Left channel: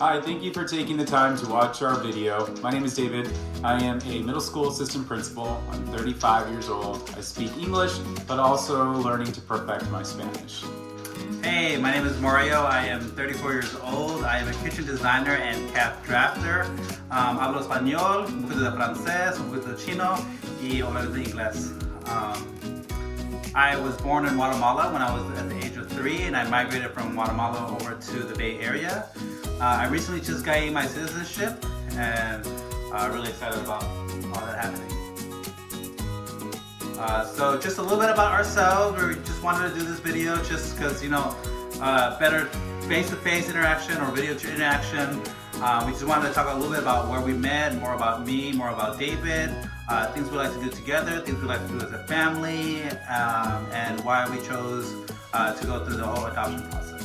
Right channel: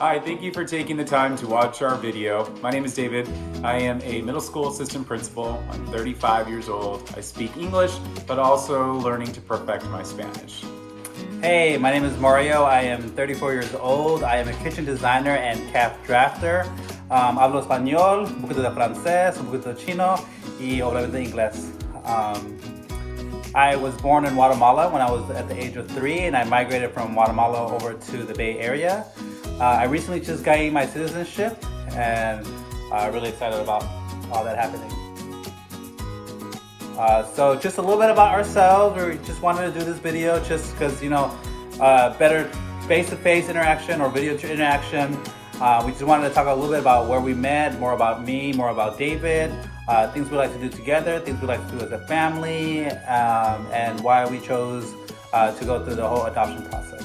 Hi, thank you for taking the time to watch our video. My name is David. I am a middle school assistant principal. I'm 35 years old. I speak English, but also learning to perfect my Spanish. Hey, my name is Mario. I am 34 years old. I am a kitchen designer and calf drafter. Hablo español, un poquito de francés, un poquito de chino y obviamente inglés. I was born in Guatemala when I was at the age of 3, and I migrated from Guatemala over to the Bay Area. I recently just got my citizenship, and really excited about all that happening. So just a little bit about ourselves. We just wanted to do this video just because, better face-to-face interaction or video interaction. We just wanted to talk a little bit about where we met, more about me, more about David, things we like to do together, things we like to do as a family, and why we chose to go through the whole adoption process.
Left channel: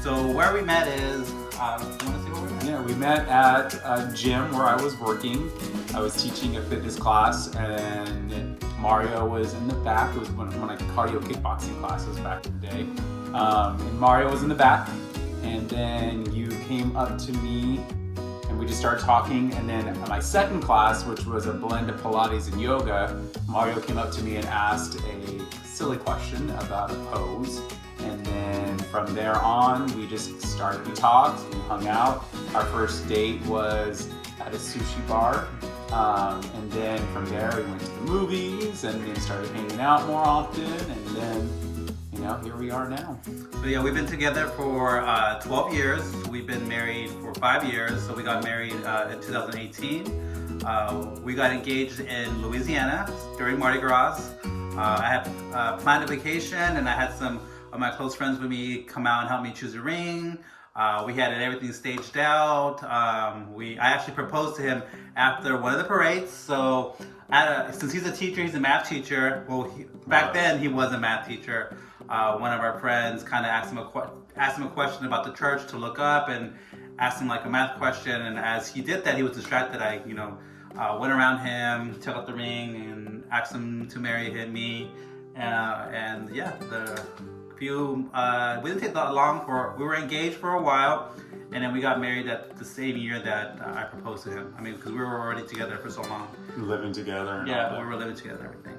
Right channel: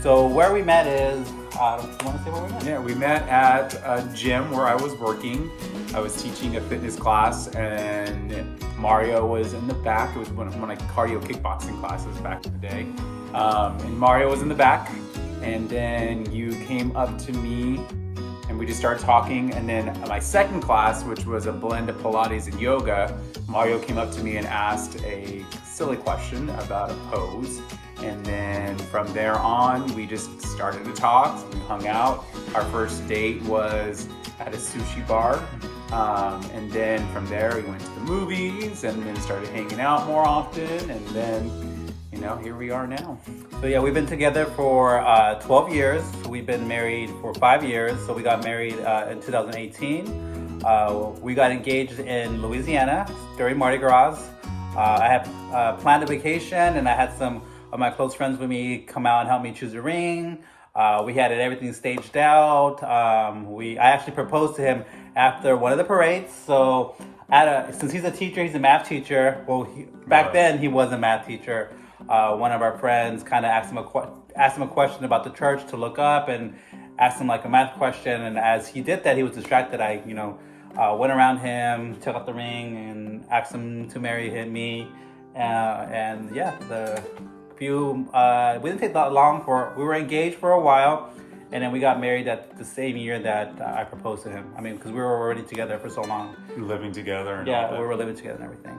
So where we met is, you want to say where we met? Yeah, we met at a gym where I was working. I was teaching a fitness class, and Mario was in the back. It was one of my cardio kickboxing classes back in the day. And Mario was in the back, and then you came up to me and we just started talking. And then at my second class, which was a blend of Pilates and yoga, Mario came up to me and asked a silly question about a pose. And then from there on, we just started to talk. We hung out. Our first date was at a sushi bar. And then from there, we went to the movies and then started hanging out more often. And then, here we are now. So yeah, we've been together for 12 years. We've been married for 5 years. So we got married in 2018. We got engaged in Louisiana during Mardi Gras. I had planned a vacation, and I had some of my close friends with me come out and help me choose a ring. We had everything staged out. I actually proposed to him after one of the parades. So since he's a teacher, he's a math teacher. Well, back then he was a math teacher. One of our friends kind of asked him a question about the church to look up, and asked him like a math question. And as he did that, he was distracted. I went around him, took out the ring, and asked him to marry me. We didn't take that long. We were engaged for a while, and then we got married at the same year that I proposed to him. I mean, because we were already together for so long. Living together. And yeah, all that. we were living together and everything.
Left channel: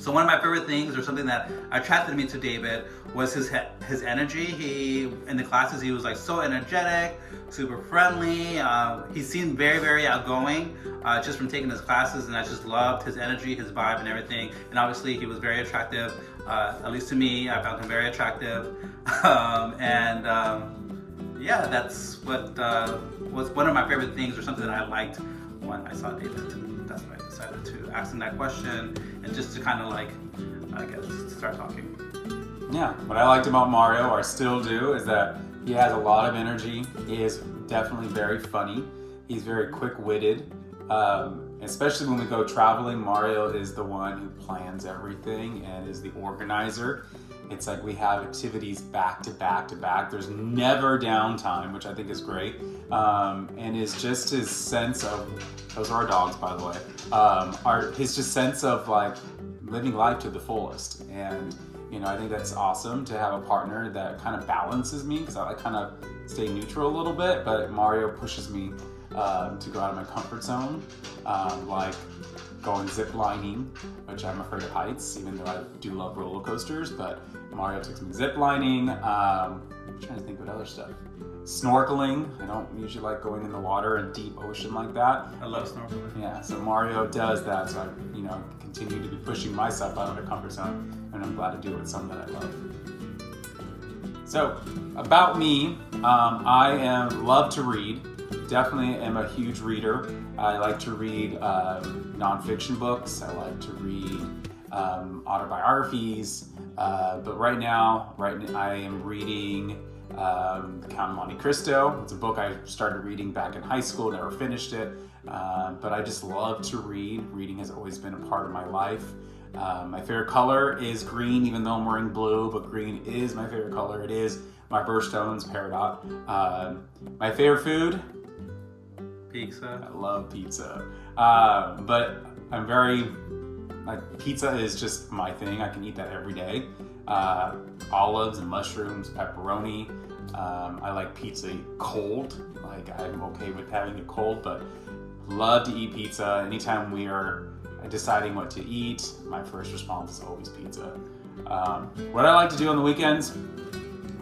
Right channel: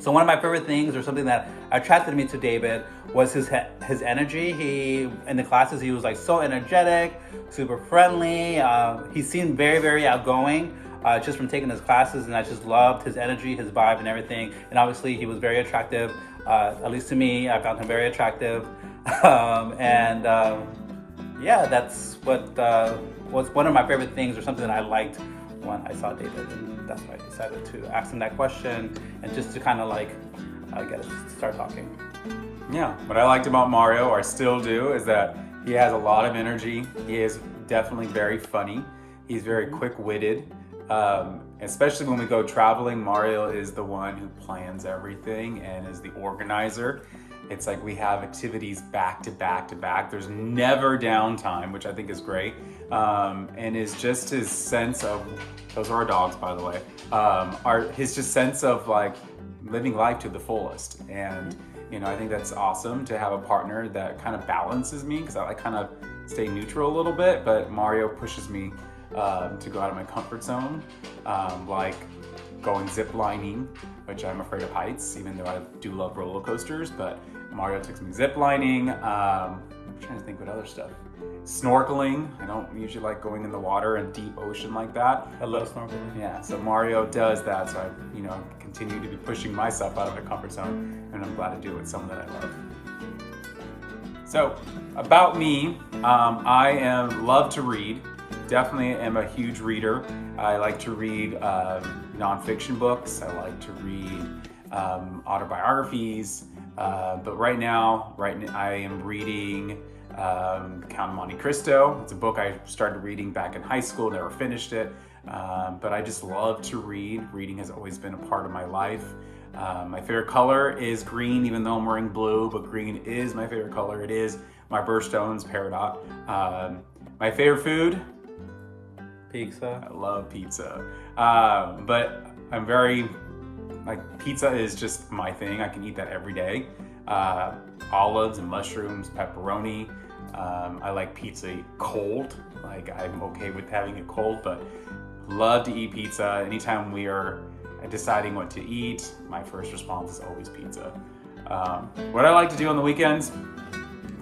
So one of my favorite things, or something that attracted me to David, was his energy. In the classes, he was like so energetic, super friendly. He seemed very, very outgoing. Just from taking his classes, and I just loved his energy, his vibe, and everything. And obviously, he was very attractive. At least to me, I found him very attractive. That's what was one of my favorite things, or something that I liked when I saw David. And that's why I decided to ask him that question, and just to kind of start talking. Yeah, what I liked about Mario, or still do, is that he has a lot of energy. He is definitely very funny. He's very quick-witted. Especially when we go traveling, Mario is the one who plans everything and is the organizer. It's like we have activities back to back to back. There's never downtime, which I think is great. And is just his sense of, those are our dogs, by the way, his just sense of like living life to the fullest. And, I think that's awesome to have a partner that kind of balances me, because I kind of stay neutral a little bit, but Mario pushes me to go out of my comfort zone, like going zip lining, which I'm afraid of heights, even though I do love roller coasters. But Mario takes me zip lining. I'm trying to think what other stuff. Snorkeling. I don't usually like going in the water in deep ocean like that. I love snorkeling. Yeah, so Mario does that. So I, continue to be pushing myself out of my comfort zone, and I'm glad to do it with someone that I love. So about me, I love to read. Definitely am a huge reader. I like to read nonfiction books. I like to read autobiographies. But right now I am reading Count of Monte Cristo. It's a book I started reading back in high school, never finished it. But I just love to read. Reading has always been a part of my life. My favorite color is green, even though I'm wearing blue, but green is my favorite color. It is my birthstones, peridot. My favorite food? Pizza. I love pizza. But I'm pizza is just my thing. I can eat that every day. Olives and mushrooms, pepperoni. I like pizza cold. Like I'm okay with having it cold, but love to eat pizza. Anytime we are deciding what to eat, my first response is always pizza. What I like to do on the weekends,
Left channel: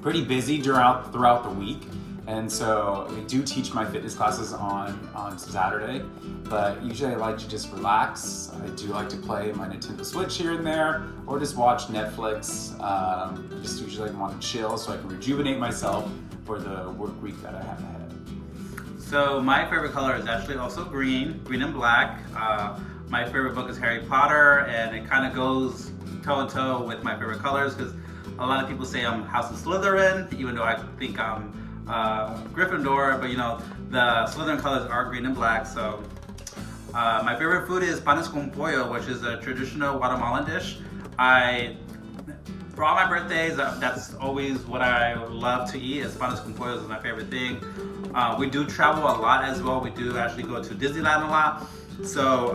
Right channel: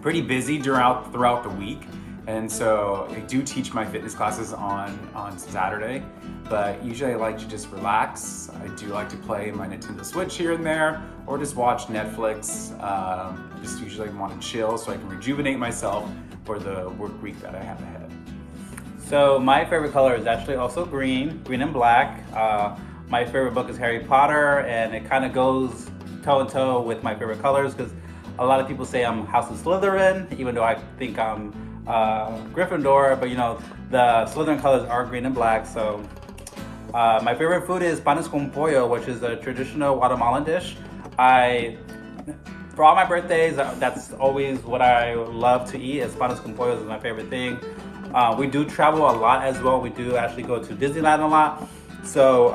pretty busy throughout the week. And so I do teach my fitness classes on Saturday, but usually I like to just relax. I do like to play my Nintendo Switch here and there, or just watch Netflix. Just usually want to chill so I can rejuvenate myself for the work week that I have ahead. So my favorite color is actually also green and black. My favorite book is Harry Potter, and it kind of goes toe and toe with my favorite colors because a lot of people say I'm House of Slytherin, even though I think I'm Gryffindor, but the Slytherin colors are green and black. So my favorite food is panes con pollo, which is a traditional Guatemalan dish. For all my birthdays, that's always what I love to eat. Is panes con pollo is my favorite thing. We do travel a lot as well. We do actually go to Disneyland a lot. So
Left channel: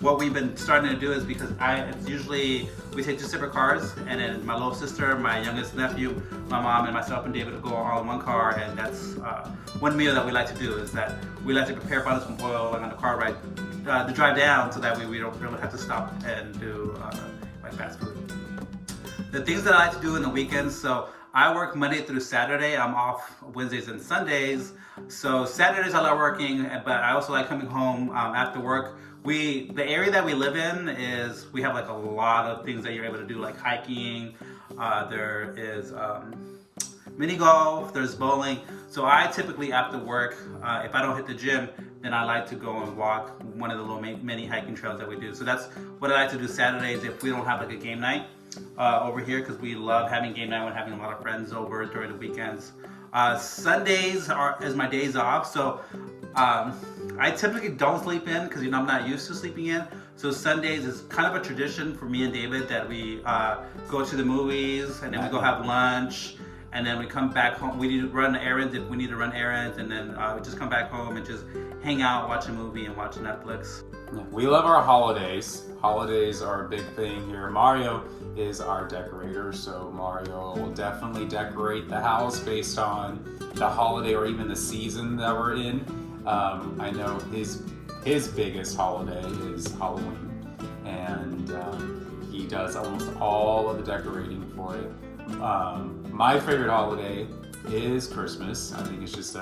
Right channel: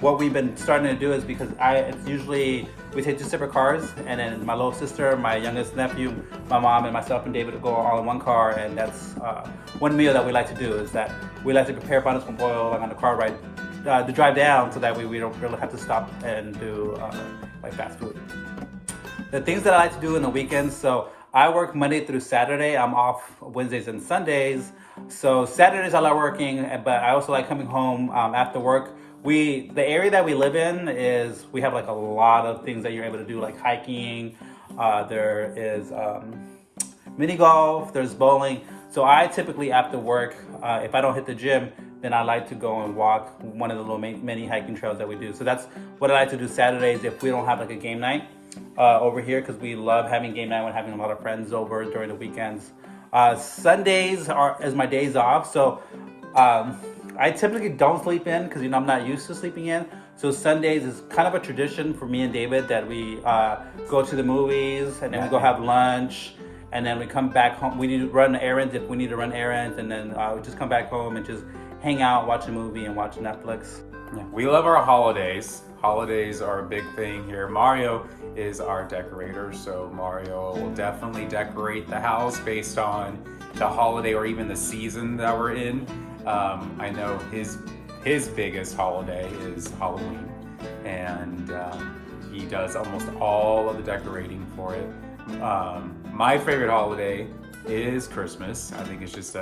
what we've been starting to do is because it's usually we take 2 separate cars, and then my little sister, my youngest nephew, my mom, and myself and David will go all in one car. And that's one meal that we like to do is that we like to prepare panes con pollo like on the car ride to drive down, so that way we don't really have to stop and do like fast food. The things that I like to do in the weekends, so I work Monday through Saturday. I'm off Wednesdays and Sundays. So Saturdays I love working, but I also like coming home after work. The area that we live in is we have like a lot of things that you're able to do, like hiking. There is mini golf. There's bowling. So I typically after work, if I don't hit the gym, then I like to go and walk one of the little mini hiking trails that we do. So that's what I like to do Saturdays if we don't have like a game night over here, because we love having game night when having a lot of friends over during the weekends. Sundays is my days off, so I typically don't sleep in because I'm not used to sleeping in. So Sundays is kind of a tradition for me and David that we go to the movies, and then we go have lunch, and then we come back home. We need to run errands if we need to run errands, and then we just come back home and just hang out, watch a movie, and watch Netflix. Yeah, we love our holidays. Holidays are a big thing here. Mario is our decorator, so Mario will definitely decorate the house based on the holiday or even the season that we're in. I know his biggest holiday is Halloween, and he does almost all of the decorating for it. My favorite holiday is Christmas. I think it's just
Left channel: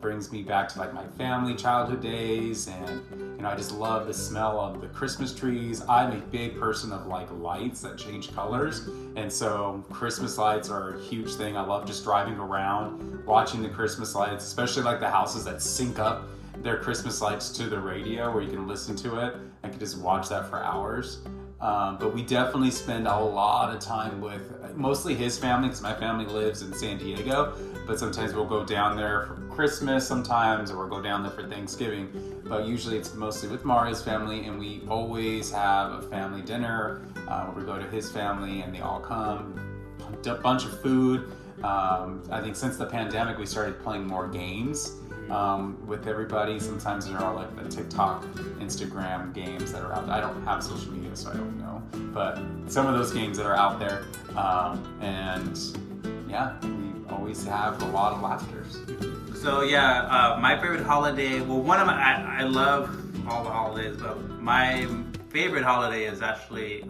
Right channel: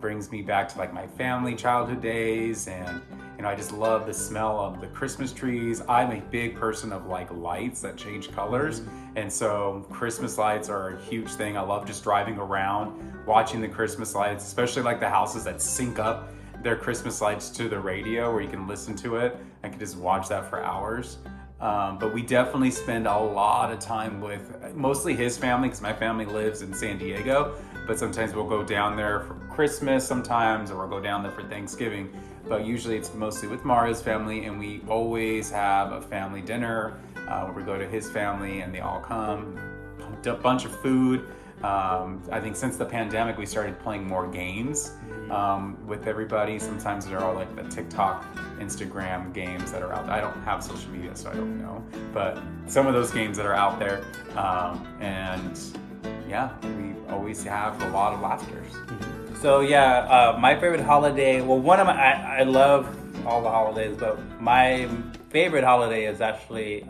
brings me back to like my family childhood days, and I just love the smell of the Christmas trees. I'm a big person of like lights that change colors, and so Christmas lights are a huge thing. I love just driving around watching the Christmas lights, especially like the houses that sync up their Christmas lights to the radio where you can listen to it and can just watch that for hours. But we definitely spend a lot of time with mostly his family, because my family lives in San Diego, but sometimes we'll go down there for Christmas sometimes, or we'll go down there for Thanksgiving. But usually it's mostly with Mario's family, and we always have a family dinner where we go to his family and they all come, a bunch of food. I think since the pandemic we started playing more games with everybody. Sometimes they're all like the TikTok, Instagram games that are out there. I don't have social media, so I don't know, but some of those games that are out there, and yeah, we always have a lot of laughters. So yeah, my favorite holiday, well, I love all the holidays, but my favorite holiday is actually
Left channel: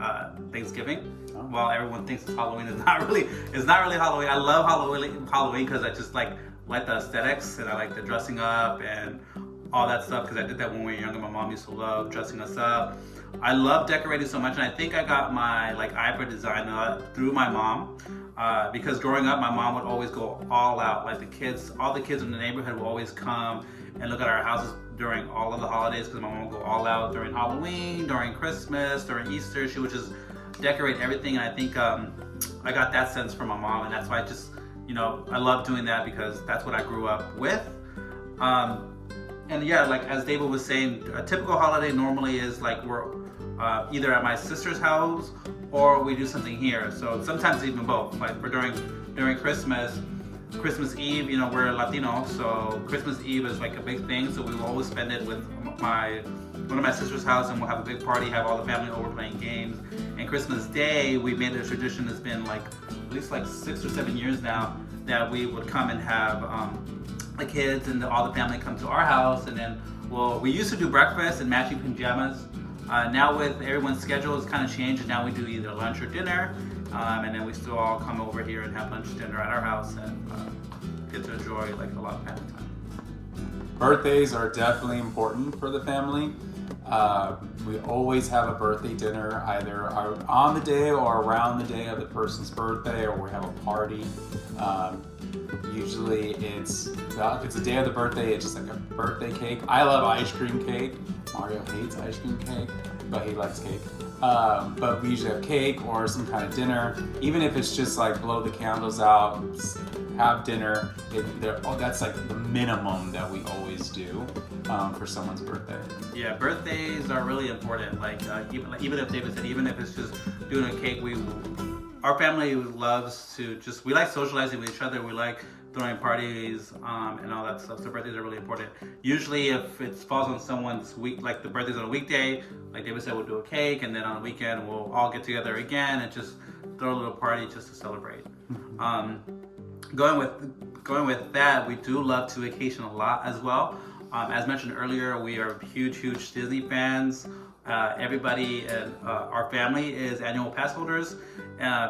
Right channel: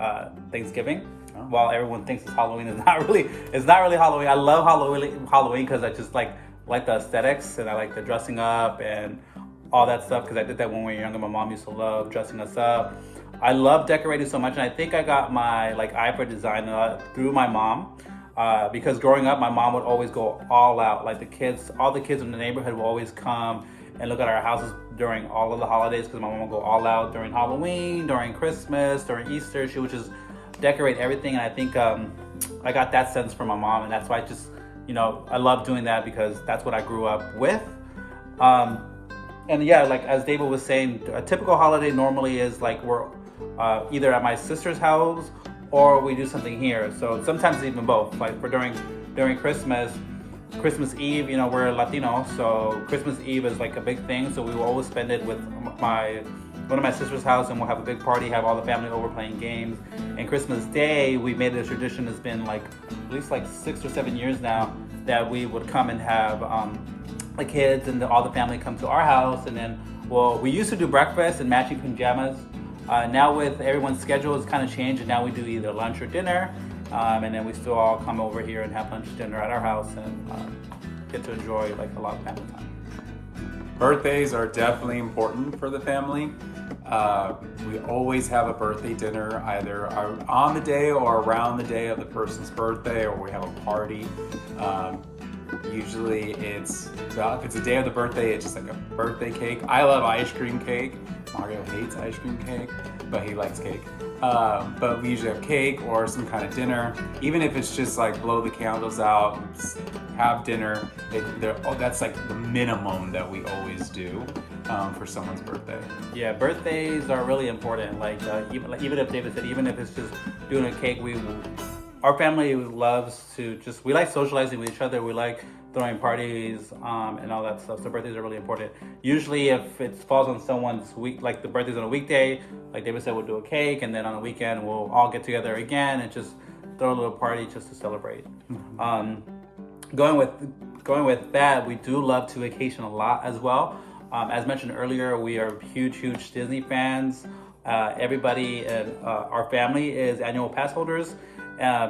Thanksgiving. While everyone thinks it's Halloween, it's not really Halloween. I love Halloween because I just like the aesthetics, and I like the dressing up and all that stuff, because I did that when we were younger. My mom used to love dressing us up. I love decorating so much, and I think I got my eye for design through my mom. Because growing up, my mom would always go all out. Like all the kids in the neighborhood would always come and look at our houses during all of the holidays, because my mom would go all out during Halloween, during Christmas, during Easter. She would just decorate everything, and I think I got that sense from my mom, and that's why I just, I love doing that, because that's what I grew up with. And yeah, like as David was saying, a typical holiday normally is like we're either at my sister's house or we do something here. So sometimes even both. Like for during Christmas Eve, we're Latino, so Christmas Eve is like a big thing. So we will always spend it with one of my sister's house, and we'll have a big party, have all the family over playing games. And Christmas Day, we made it a tradition. It's been like at least like 6 or 7 years now that we would come and have the kids and all the family come to our house, and then we used to do breakfast and matching pajamas. Now with everyone's schedule, it's kind of changed, and now we do either lunch or dinner, and then we still all come over here and have lunch, dinner at our house, and get to enjoy like a lot of family time. Birthdays are definitely important for the family. We always have a birthday dinner either on the day or around the day of the person's birthday, or we have a party. Usually if it's the day of the birthday, it's just like a birthday cake. I love ice cream cake. Mario hates ice cream cake, but he likes cake. But we usually have cake or some kind of dinner. Even if it's just like blow the candles out, have dinner, that's like the minimum that we always do for someone's birthday. Yeah, birthdays are really important. Even if David said, even if it's just doing a cake, our family loves to we like socializing with each other. We like throwing parties and all that stuff. So birthdays are really important. Usually if it falls on someone's week, like the birthday's on a weekday, like David said, we'll do a cake, and then on a weekend we'll all get together again and just throw a little party just to celebrate. Going with that, we do love to vacation a lot as well. As mentioned earlier, we are huge Disney fans. Everybody in our family is annual pass holders.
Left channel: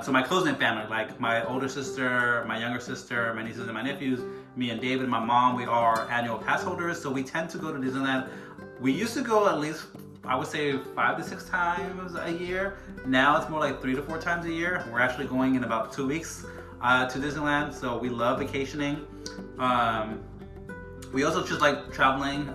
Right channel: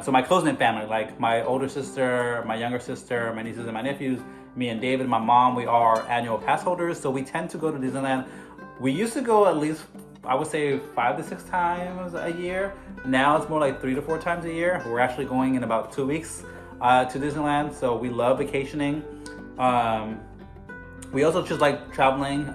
So my close-knit family, like my older sister, my younger sister, my nieces and my nephews, me and David, my mom, we are annual pass holders. So we tend to go to Disneyland. We used to go at least, I would say 5 to 6 times a year. Now it's more like 3 to 4 times a year. We're actually going in about 2 weeks to Disneyland. So we love vacationing. We also just like traveling.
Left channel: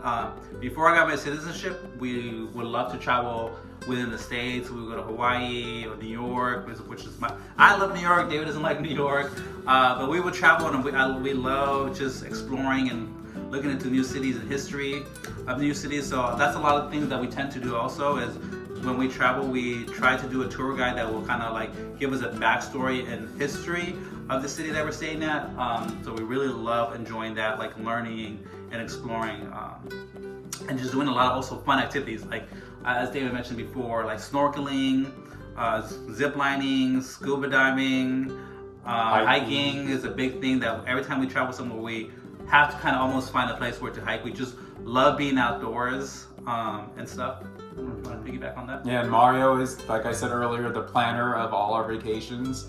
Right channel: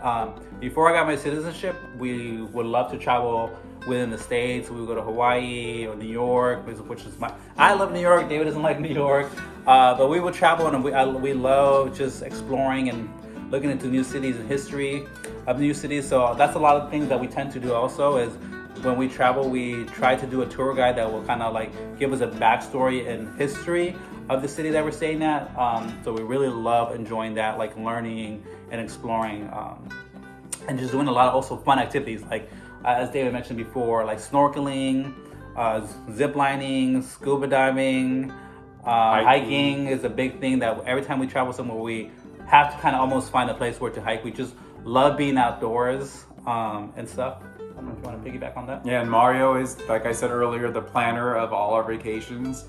Before I got my citizenship, we would love to travel within the States. We would go to Hawaii or New York, which is I love New York. David doesn't like New York. But we would travel, and we love just exploring and looking into new cities and history of new cities. So that's a lot of things that we tend to do also is when we travel, we try to do a tour guide that will kind of like give us a backstory and history of the city that we're staying at. So we really love enjoying that, like learning and exploring, and just doing a lot of also fun activities, like as David mentioned before, like snorkeling, zip lining, scuba diving, hiking is a big thing that every time we travel somewhere, we have to kind of almost find a place where to hike. We just love being outdoors and stuff. I don't know if you want to piggyback on that. Yeah, and Mario is, like I said earlier, the planner of all our vacations.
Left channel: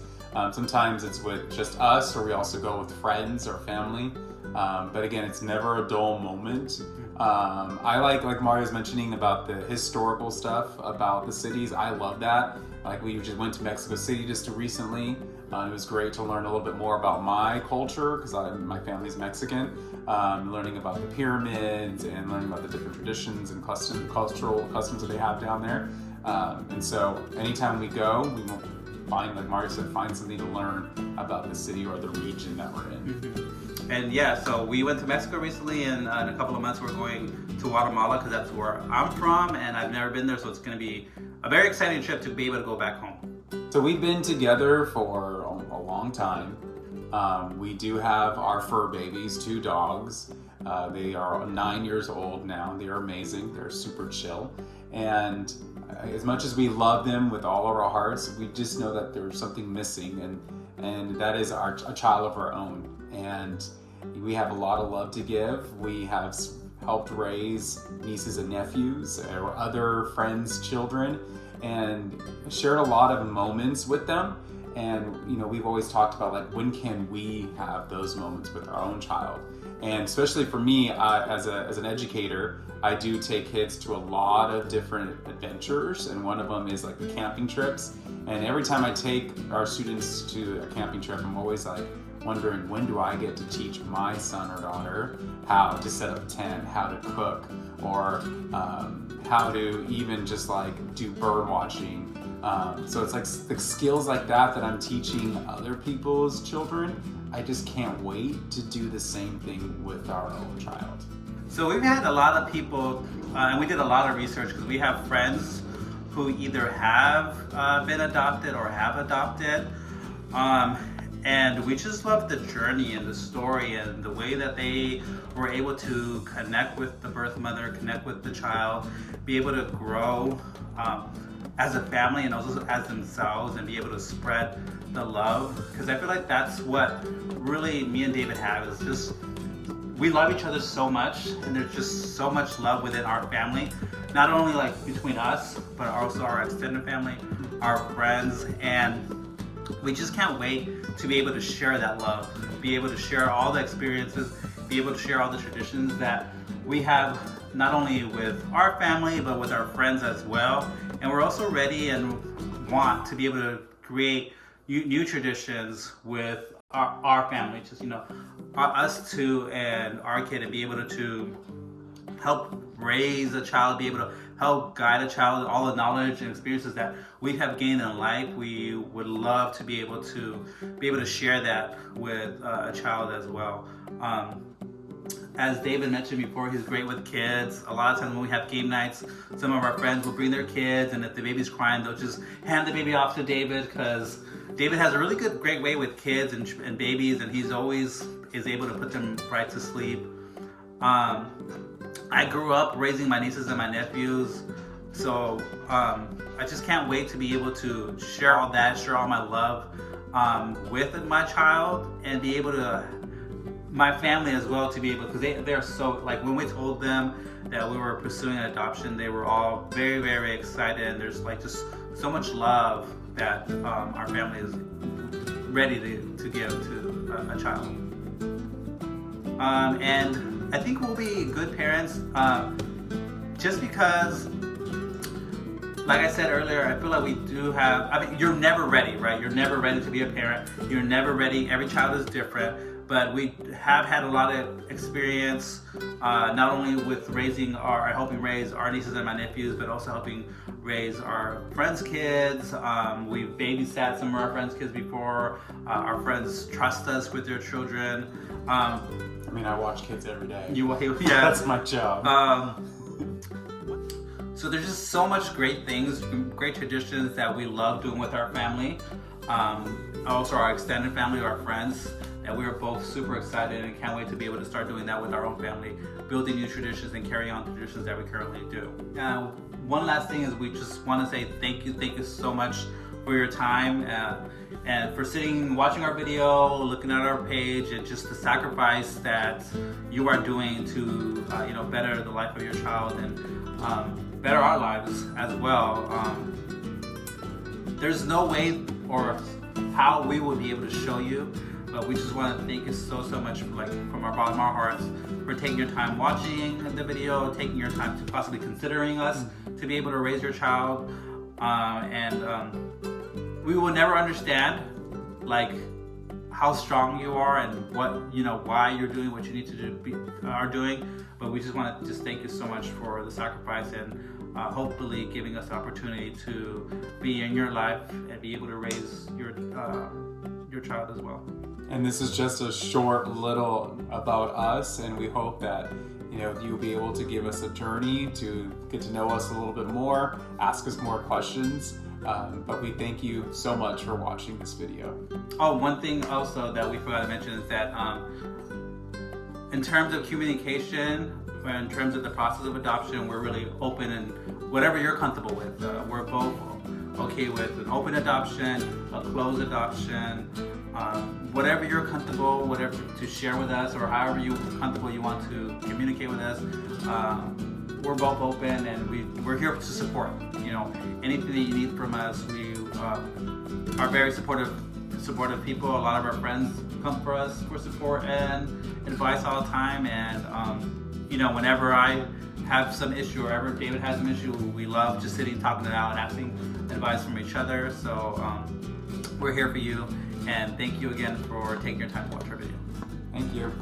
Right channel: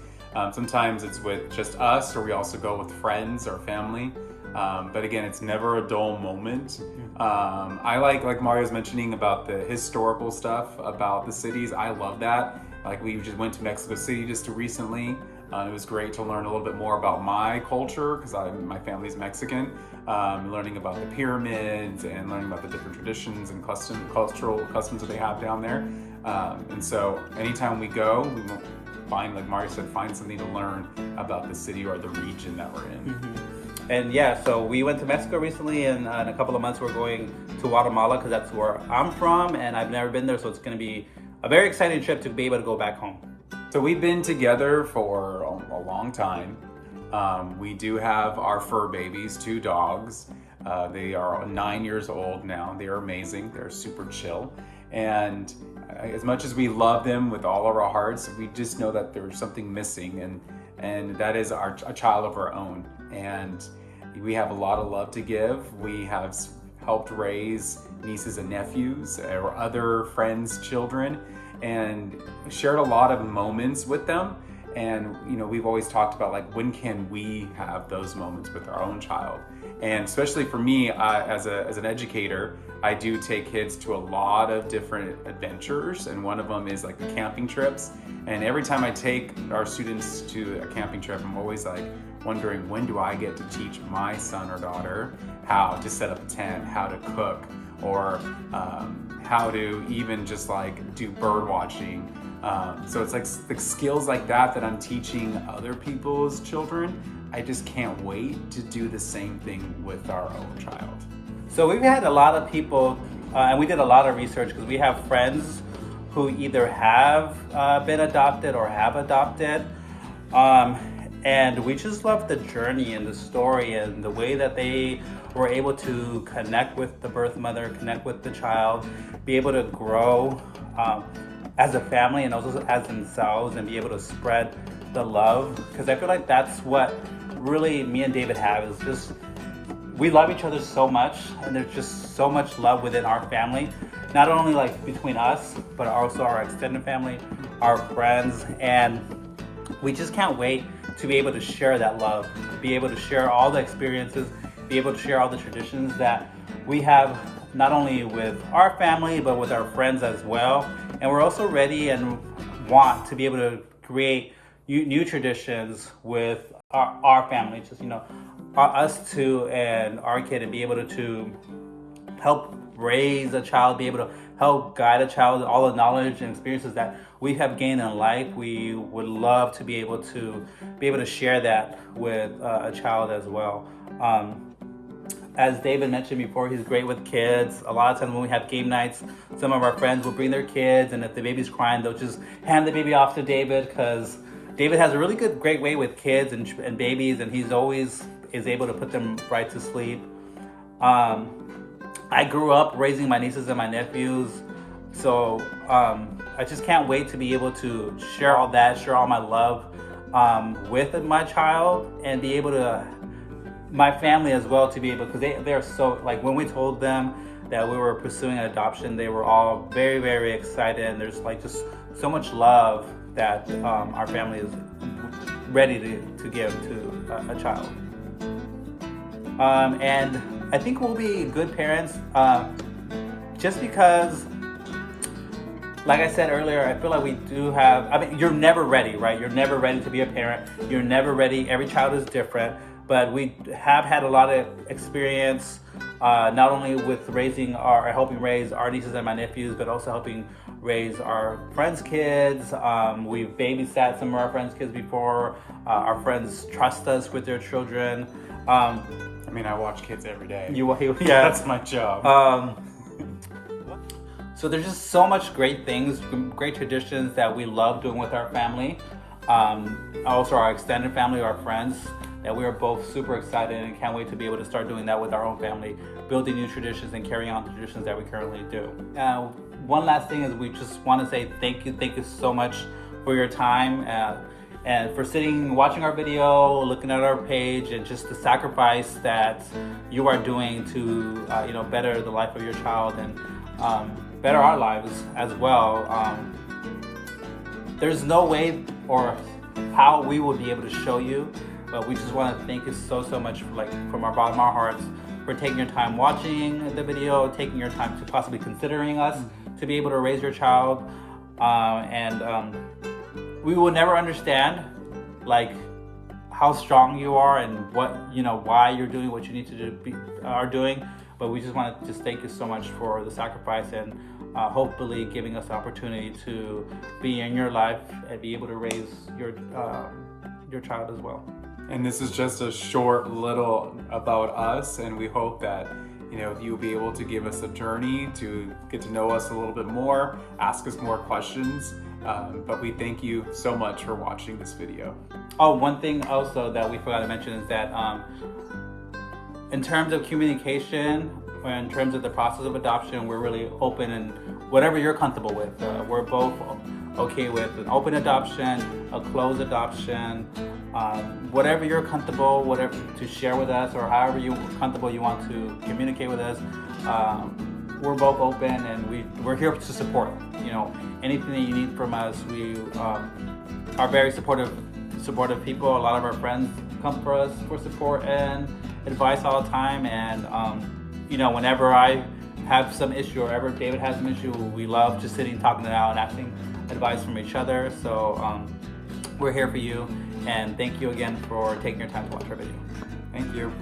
Sometimes it's with just us, or we also go with friends or family. But again, it's never a dull moment. I like Mario's mentioning about the historical stuff about the cities. I love that. Like we just went to Mexico City just recently. It was great to learn a little bit more about my culture because my family's Mexican. Learning about the pyramids and learning about the different traditions and cultural customs that they have down there. And so anytime we go, we will find, like Mario said, find something to learn about the city or the region that we're in. Mm-hmm. And yeah, so we went to Mexico recently, and in a couple of months we're going to Guatemala because that's where I'm from, and I've never been there, so it's going to be a very exciting trip to be able to go back home. So we've been together for a long time. We do have our fur babies, 2 dogs. They are 9 years old now. They are amazing. They're super chill. And as much as we love them with all of our hearts, we just know that there's something missing, and that is a child of our own. And we have a lot of love to give. We have helped raise nieces and nephews or other friends' children and shared a lot of moments with them. And we've always talked about like, when can we have those moments with our own child? And especially for me, as an educator, I do take kids to a lot of different adventures, and one of them is like the camping trips. And every time I take our students to a camping trip, I'm always like wondering, when do I get to teach my son or daughter how to set up a tent, how to cook, or how to even just like do bird watching. So it's like the skills like that I'm teaching other people's children. I just can't wait to do the same thing with our own child. So we've had a lot of people, and we did a lot of research because we have friends who either have been adopted or have adopted. And we just love the journey and the story and the way that they were able to connect with the birth mother, connect with the child, be able to grow as a family and also as themselves, and be able to spread the love, because I feel like that's what really me and David have, is just we love each other so much, and there's just so much love within our family, not only like between us, but also our extended family, our friends, and we just can't wait to be able to share that love, be able to share all the experiences, be able to share all the traditions that we have, not only with our family, but with our friends as well. And we're also ready and want to be able to create new traditions with our family, just, us two and our kid, and be able to help raise a child, be able to help guide a child, all the knowledge and experiences that we have gained in life. We would love to be able to share that with a child as well. As David mentioned before, he's great with kids. A lot of times when we have game nights, some of our friends will bring their kids, and if the baby's crying, they'll just hand the baby off to David, because David has a really great way with kids and babies, and he's always is able to put them right to sleep. I grew up raising my nieces and my nephews, so I just can't wait to be able to share all that, share all my love with my child, and be able to, my family as well, to be able, because they're so, like, when we told them that we were pursuing an adoption, they were all very, very excited, and there's like just so much love that our family is ready to give to a child. And I think we'll be good parents, just because, like I said earlier, I feel like we do have, you're never ready, right? You're never ready to be a parent. You're never ready. Every child is different. But we have had a lot of experience, not only with helping raise our nieces and my nephews, but also helping raise our friends' kids. We've babysat some of our friends' kids before. Our friends trust us with their children. I watch kids every day. Yeah. That's my job. So there's just so much great things, great traditions that we love doing with our family. Also our extended family, our friends, that we are both super excited and can't wait to be able to start doing that with our own family, building new traditions and carrying on traditions that we currently do. One last thing is we just want to say thank you so much for your time and for watching our video, looking at our page, and just the sacrifice that you are doing to better the life of your child and better our lives as well. There's no way or how we will be able to show you, but we just want to thank you so much, from our bottom of our hearts, for taking your time watching the video, taking your time to possibly considering us to be able to raise your child. We will never understand how strong you are and what why you're doing what you need to are doing, but we just want to just thank you so much for the sacrifice and hopefully giving us the opportunity to be in your life and be able to raise your child as well. And this is just a short little about us, and we hope that you'll be able to give us a journey to get to know us a little bit more, ask us more questions. But we thank you so much for watching this video. Oh, one thing also that we forgot to mention is that in terms of communication, in terms of the process of adoption, we're really open, and whatever you're comfortable with. We're both okay with an open adoption, a closed adoption, whatever you're comfortable, whatever to share with us, or however comfortable you want to communicate with us. We're both open, and we're here to support. Anything that you need from us. We are very supportive people. A lot of our friends come for us for support and advice all the time. And whenever I have some issue or ever David has an issue, we love just sitting, talking it out, and asking advice from each other. So we're here for you, and thank you again for taking your time to watch our video. Thank you.